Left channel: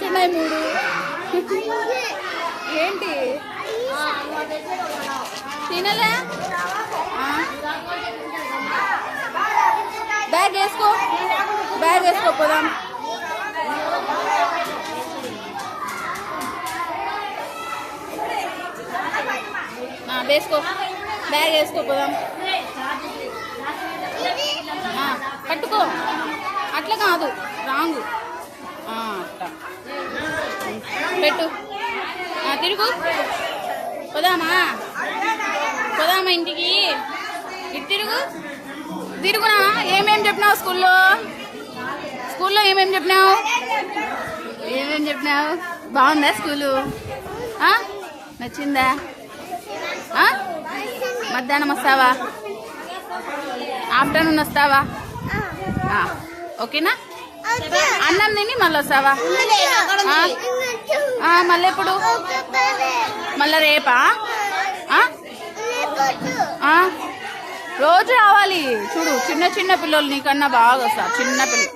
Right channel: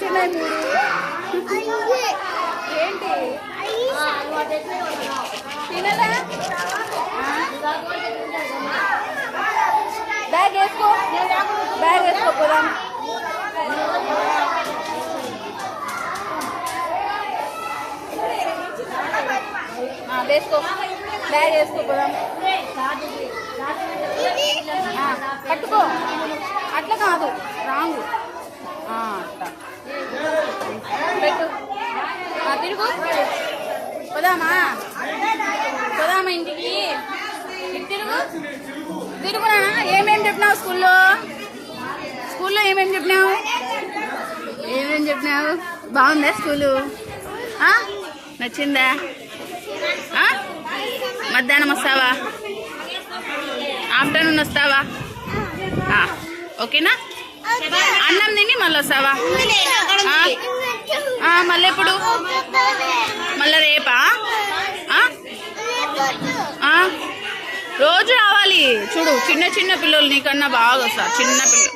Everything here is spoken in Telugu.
ఏంటున్నాయి మూడు ఏంటి తినలే బ్యాగ్ వేసుకో పోదాం వేసుకో బ్యాగ్ వేసుకో పోదాం పట్టుకో అట్లా కాదు రాంగు అట్లా పెట్టు తిరుగు పోదామా ఇంటికి తిరుగునా ఏమేమి చెప్పినావు స్కూల్లో ఏమేమి చెప్పినావు బాగుందా స్కూలు నచ్చిందా మధ్యాహ్నం వస్తావా ఆఫ్టర్నూన్ వస్తావా ఓకేనా అన్నం తిని మళ్ళీ వస్తావా మళ్ళీ ఎప్పుడు మళ్ళీ రేపా రోజు రావాలి చూడు చిన్న పిల్లలు నీకన్నా బాగా వస్తారు చిన్న పిల్లలు